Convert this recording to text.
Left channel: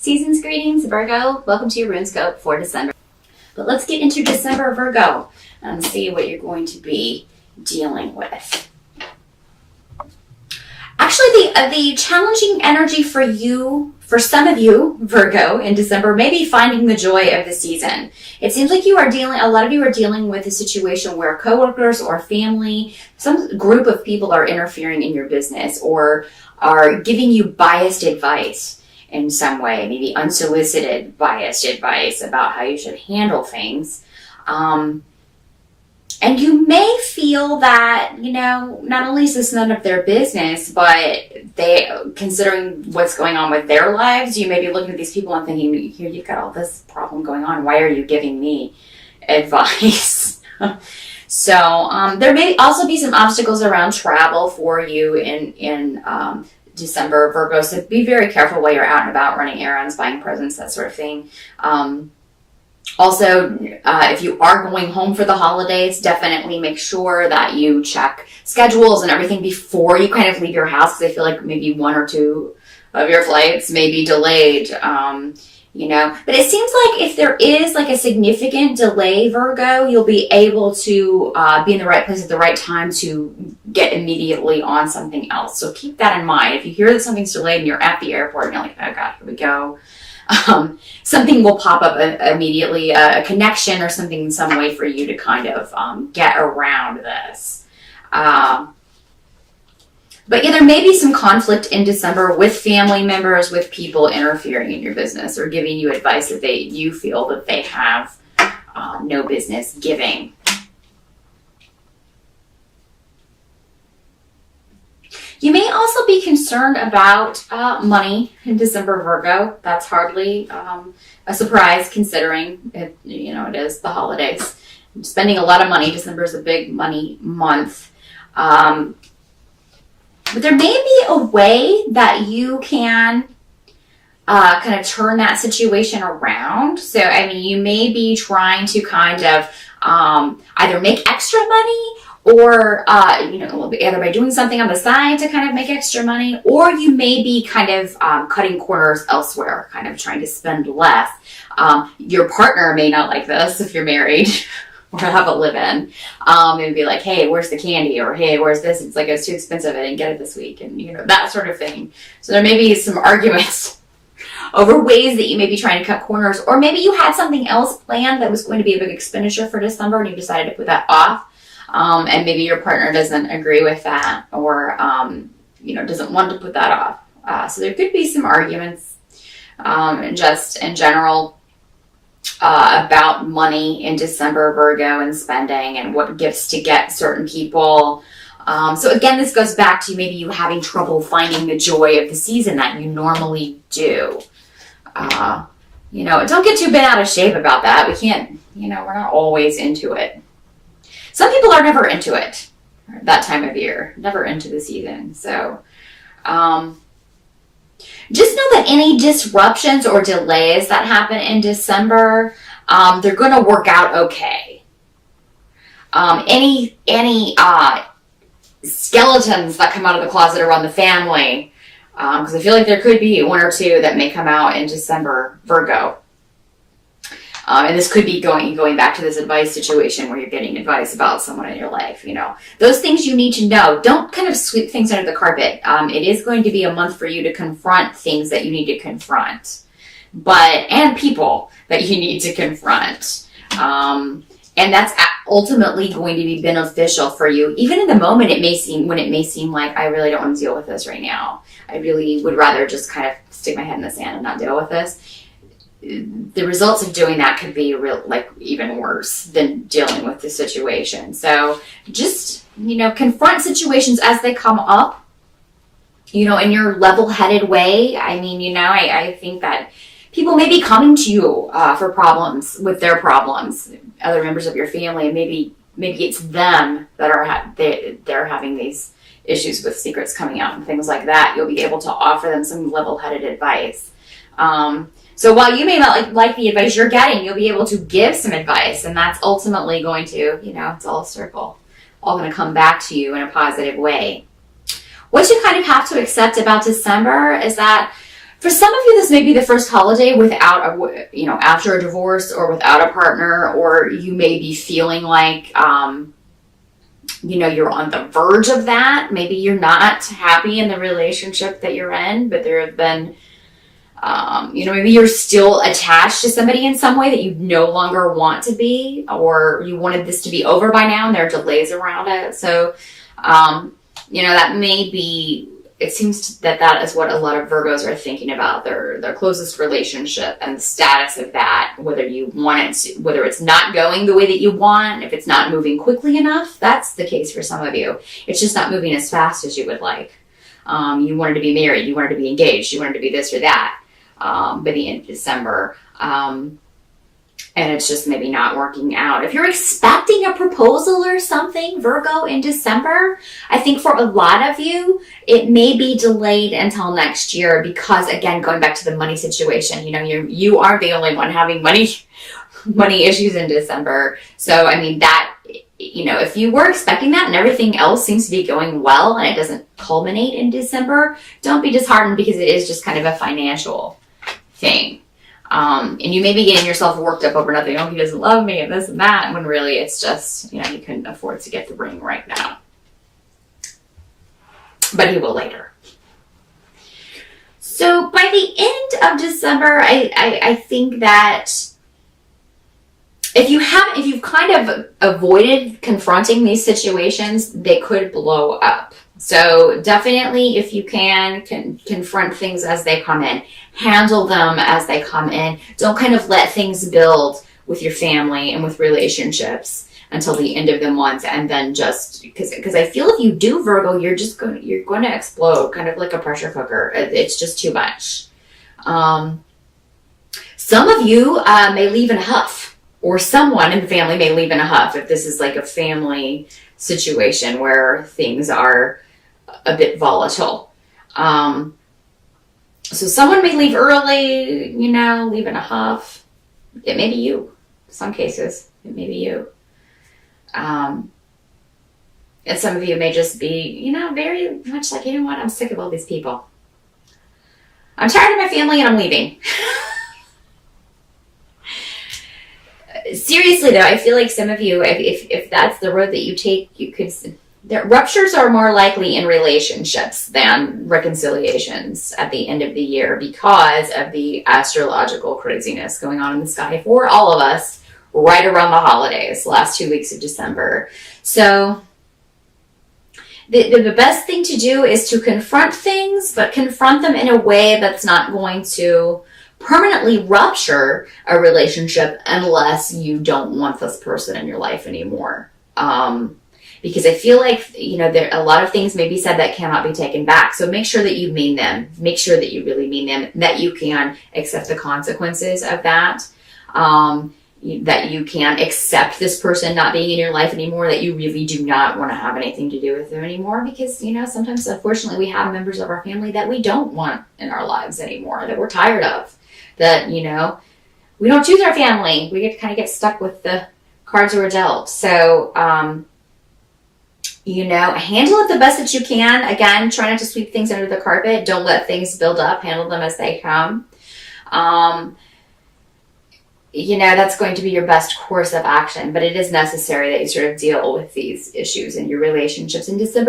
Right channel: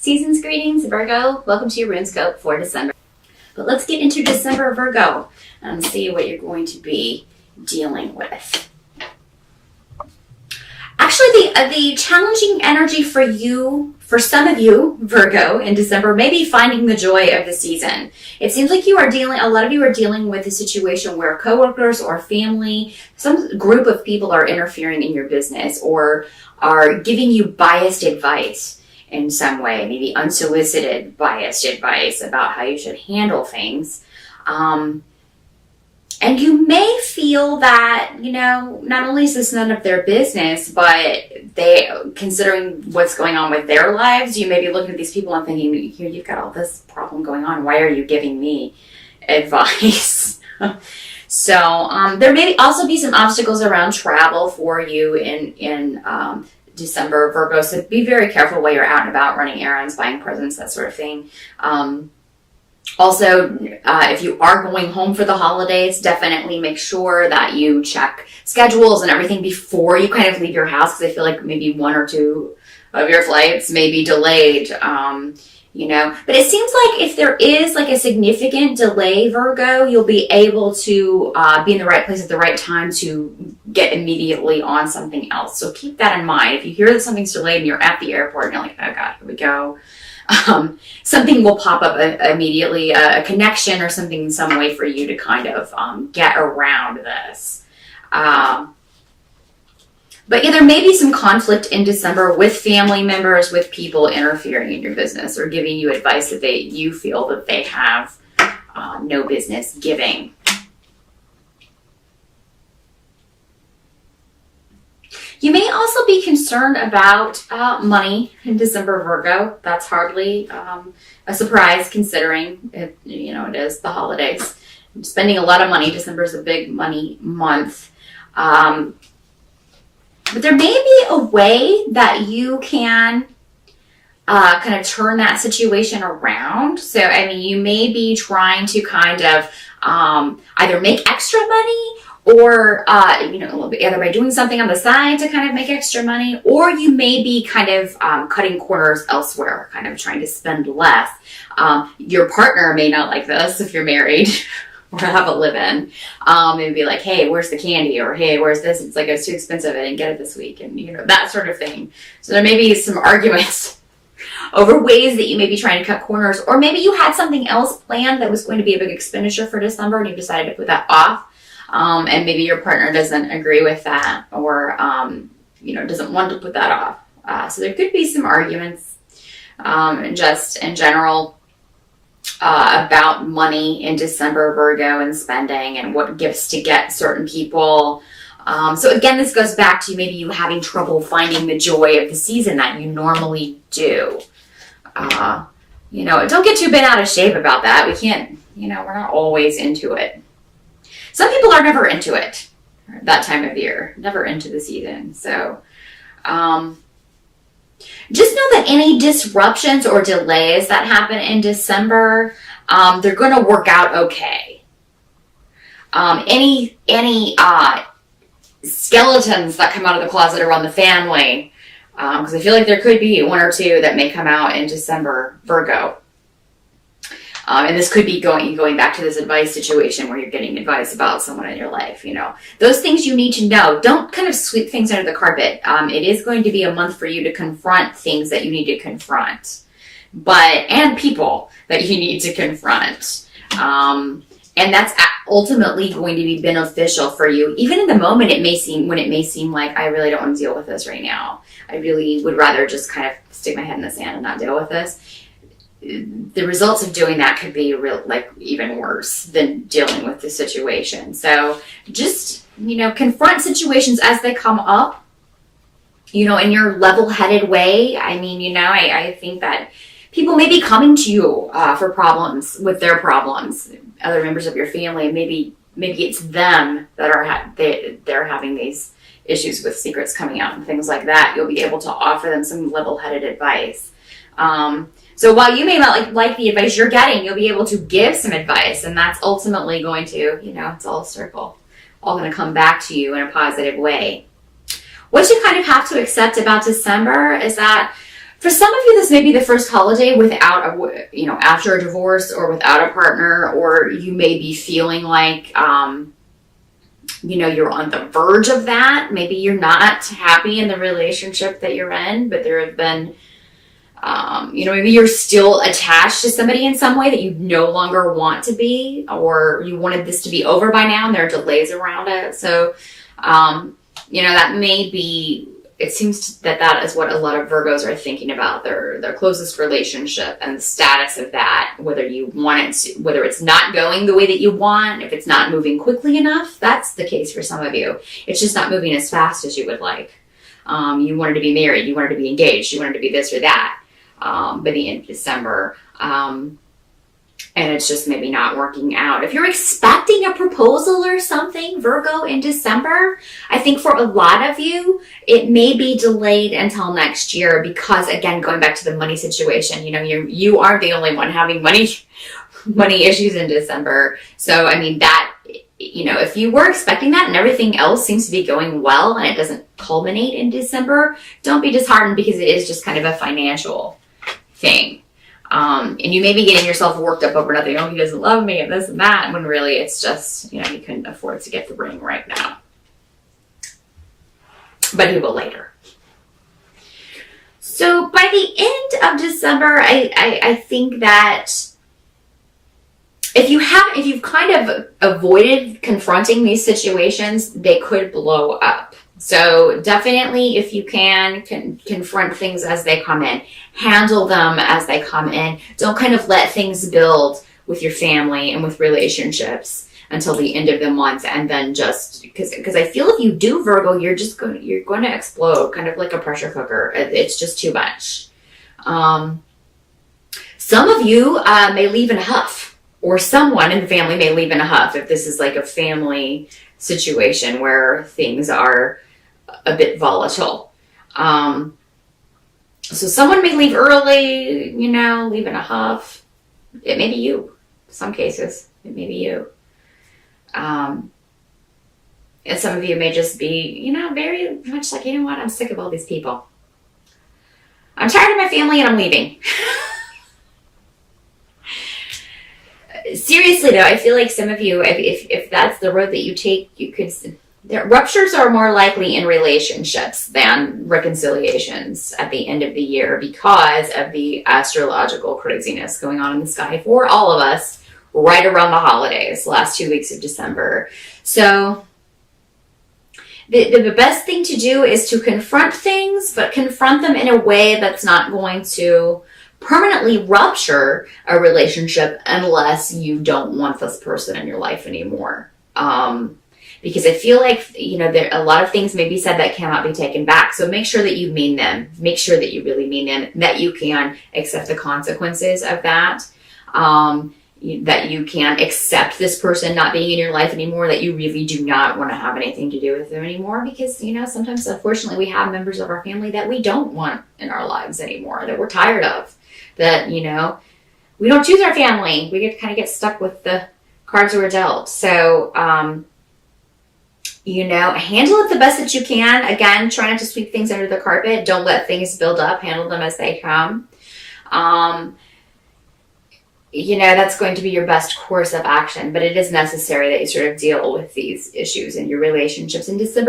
Season's greetings, Virgo. Welcome to your RuneScope for December. But let's get into December, Virgo, and see what you're going to be dealing with. Actually, the challenging energy for you, for some of you, Virgo, in December, may be finding the joy of the season. It seems like a lot of you are dealing with a situation where coworkers or family, some group of people are interfering in your business or are giving you biased advice in some way, maybe unsolicited biased advice about how you should handle things. And you may feel that, not only is this none of their business, but considering what's going on with their lives, you may be looking at these people and thinking, here, you've got all this problem going on. Why are you giving me advice? So there may also be some obstacles around travel for you in December, Virgo. So be very careful while you're out and about running errands, buying presents, that sort of thing. Also, if you are going home for the holidays, definitely make sure that you check schedules and everything before you kind of leave your house, because I feel like maybe one or two of your flights may be delayed. But it seems like if there is like a significant delay, Virgo, you'll be able to be in the right place at the right time to get immediately on something else. So keep that in mind. If you hear that something's delayed and you're at the airport and you're like, oh God, here we go. Something will pop up immediately, a connection or something in some way for you to kind of get around this. But yeah, there may be some conflict in December with family members, with people interfering in your business or giving you advice that you feel that they have no business giving. You may also be concerned about money in December, Virgo. That's hardly a surprise considering it is the holidays. Spending a lot of money. December is a big money month. But there may be a way that you can kind of turn that situation around. So, you may be trying to kind of either make extra money or, either by doing something on the side to kind of make extra money, or you may be kind of cutting corners elsewhere, kind of trying to spend less. Your partner may not like this if you're married or have a live-in. Maybe be like, hey, where's the candy? Or, hey, where's this? It's like, it's too expensive. I didn't get it this week. And, that sort of thing. So there may be some arguments over ways that you may be trying to cut corners, or maybe you had something else planned that was going to be a big expenditure for December and you decided to put that off. And maybe your partner doesn't agree with that or, doesn't want to put that off. So there could be some arguments just in general about money in December, Virgo, and spending and what gifts to get certain people. So again, this goes back to maybe you having trouble finding the joy of the season that you normally do. Don't get too bent out of shape about that. We can't, we're not always into it. Some people are never into it that time of year, never into the season. So just know that any disruptions or delays that happen in December, they're going to work out okay. Any skeletons that come out of the closet around the family, because I feel like there could be one or two that may come out in December, Virgo. And this could be going back to this advice situation where you're getting advice about someone in your life, Those things you need to know. Don't kind of sweep things under the carpet. It is going to be a month for you to confront things that you need to confront. And people that you need to confront. And that's ultimately going to be beneficial for you. Even in the moment, it may seem like I really don't want to deal with this right now. I really would rather just kind of stick my head in the sand and not deal with this. The results of doing that could be even worse than dealing with the situation. So just, confront situations as they come up, in your level-headed way. I think that people may be coming to you for problems with their problems, other members of your family. Maybe it's them that are they're having these issues with secrets coming out and things like that. You'll be able to offer them some level-headed advice. So while you may not like the advice you're getting, you'll be able to give some advice, and that's ultimately going to, it's all a circle, all going to come back to you in a positive way. What you kind of have to accept about December is that For some of you, this may be the first holiday without after a divorce or without a partner, or you may be feeling like, you're on the verge of that. Maybe you're not happy in the relationship that you're in, but there have been, maybe you're still attached to somebody in some way that you no longer want to be, or you wanted this to be over by now and there are delays around it. So, that may be, it seems that is what a lot of Virgos are thinking about, their closest relationship and the status of that, whether you want it to, whether it's not going the way that you want, if it's not moving quickly enough. That's the case for some of you. It's just not moving as fast as you would like. You wanted to be married, you wanted to be engaged, you wanted to be this or that by the end of December. And it's just maybe not working out. If you're expecting a proposal or something, Virgo, in December, I think for a lot of you, it may be delayed until next year because, again, going back to the money situation, you aren't the only one having money issues in December. So, that, if you were expecting that and everything else seems to be going well and it doesn't culminate in December, don't be disheartened because it is just kind of a financial thing. And you may be getting yourself worked up over nothing. Oh, he doesn't love me and this and that. When really it's just, you couldn't afford to get the ring right now. But he will later. So by the end of December, I think that if you've kind of avoided confronting these situations, they could blow up. So definitely, if you can confront things as they come in, handle them as they come in. Don't kind of let things build with your family and with relationships until the end of the month, and then just because I feel if you do, Virgo, you're going to explode, kind of like a pressure cooker. It's just too much. Some of you may leave in a huff, or someone in the family may leave in a huff if this is like a family situation where things are a bit volatile. So someone may leave early, leave in a huff. It may be you. In some cases, it may be you. And some of you may just be, very much like, what? I'm sick of all these people. I'm tired of my family and I'm leaving. Seriously though, I feel like some of you, if that's the road that you take, you could... Ruptures are more likely in relationships than reconciliations at the end of the year because of the astrological craziness going on in the sky for all of us right around the holidays, last 2 weeks of December. So the best thing to do is to confront things, but confront them in a way that's not going to permanently rupture a relationship unless you don't want this person in your life anymore. Because I feel like, there a lot of things may be said that cannot be taken back. So make sure that you mean them. Make sure that you really mean them, that you can accept the consequences of that. That you can accept this person not being in your life anymore, that you really do not want to have anything to do with them anymore. Because, sometimes, unfortunately, we have members of our family that we don't want in our lives anymore, that we're tired of. That, we don't choose our family. We get stuck with the cards we're dealt. So, handle it the best that you can. Again, try not to sweep things under the carpet. Don't let things build up. Handle them as they come. That's going to be your best course of action, but it is necessary that you sort of deal with these issues in your relationships in December.